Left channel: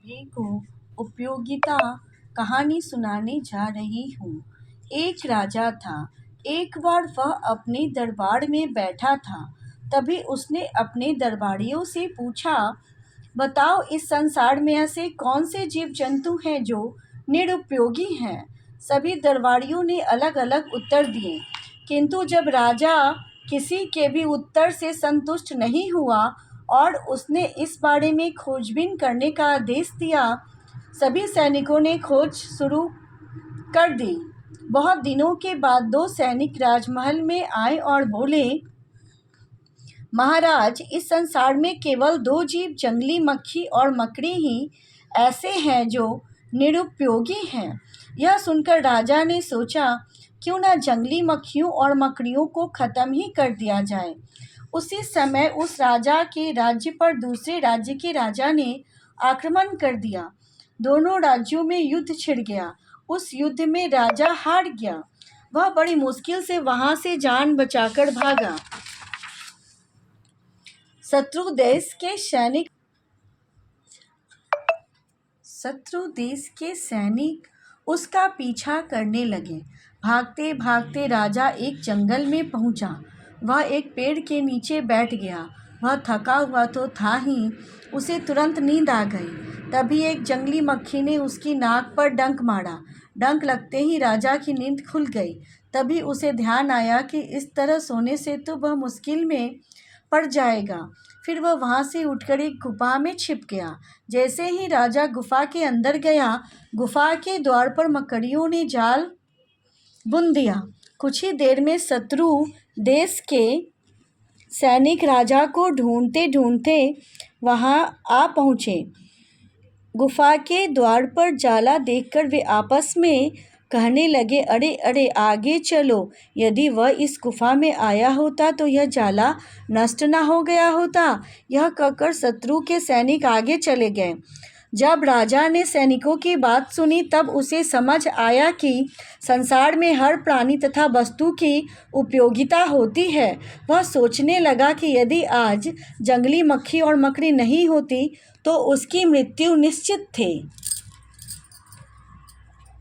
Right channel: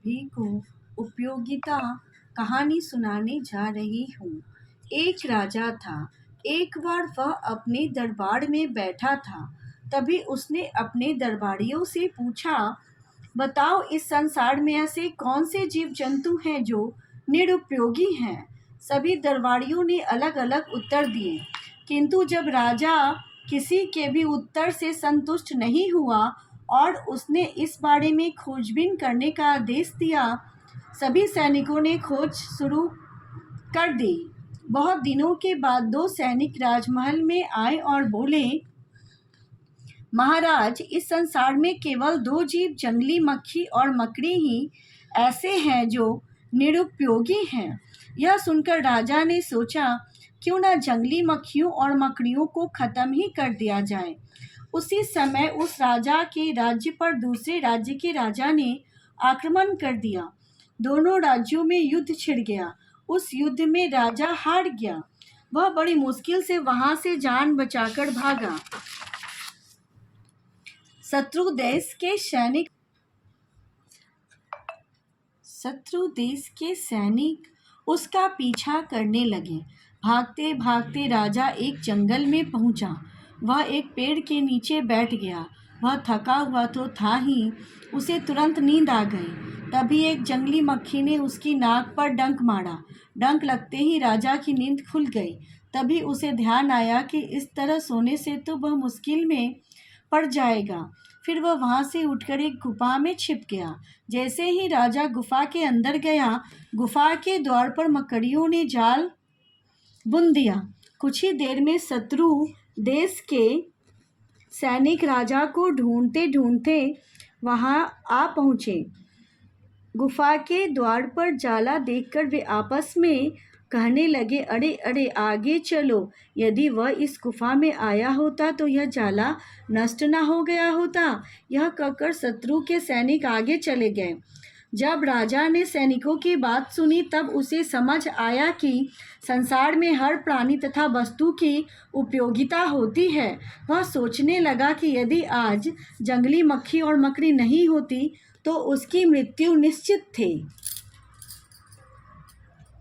सभी को उपयोगिता कहानी सुनाने जा रही हूँ। एक राजा था। एक बार वह अपने दरबार में बैठा था। तभी उसने अपने दरबारियों से पूछा, बताओ इस संसार में ऐसे कौन से जीव जंतु हैं जो निरुपयोगी हैं। सभी दरबारियों ने अलग अलग उत्तर दिए, किंतु जब राजा किसी के भी उत्तर से संतुष्ट नहीं हुआ और उसने इस बारे में खोजबीन करने का आदेश दिया। सभी सैनिकों ने खोज शुरू कर दी। बहुत दिनों के बाद दो सैनिक राजमहल में आए और बोले, महाराज, इस संसार में केवल दो जीव, जंगली मक्खी और मकड़ी ही ऐसे हैं जो निरुपयोगी हैं। यह सुनकर राजा ने सोचा, क्यों ना जंगली मक्खियों और मकड़ियों को खत्म ही कर दिया जाए। उसी समय उस राजा के राज्य पर दूसरे राज्य के राजा ने आक्रमण कर दिया। दोनों राज्यों में युद्ध छिड़ गया। उस युद्ध में राजा हार गया। वह बड़ी मुश्किल से वहां से जान बचाकर भागा। शत्रु देश के सैनिक उसका पीछा करने लगे। भागते भागते राजा एक जंगल में पहुंचा। वह एक पेड़ के नीचे बैठ गया। वह थका हुआ तो था ही, उसे तुरंत नींद आ गई। तभी एक जंगली मक्खी ने उसकी नाक पर डंक मारा। डंक लगते ही राजा की नींद खुल गई। तभी उसे ध्यान आया कि इस तरह सोने से तो वह मुश्किल में पड़ जाएगा। फिर वह वहां से उठकर एक गुफा में छिप गया। जैसे ही राजा गुफा के अंदर गया, गुफा के द्वार पर मकड़ियों ने जाल बुन दिया। कुछ ही देर में शत्रु देश के सैनिक राजा को ढूंढते ढूंढते वहां आ पहुंचे। गुफा के द्वार पर जाला देखकर वे आपस में कहने लगे, अरे अरे, आगे चलो। यदि वह इस गुफा में आया होता तो यह जाला नष्ट न हो गया होता। यह कहकर शत्रु के सैनिक आगे चले गए। जब राजा ने सैनिकों की बात सुनी तब उसे समझ आया कि संसार में हर प्राणी तथा वस्तु की उपयोगिता होती है। वह सोचने लगा कि यदि आज जंगली मक्खी और मकड़ी नहीं होती तो उसकी मृत्यु निश्चित थी।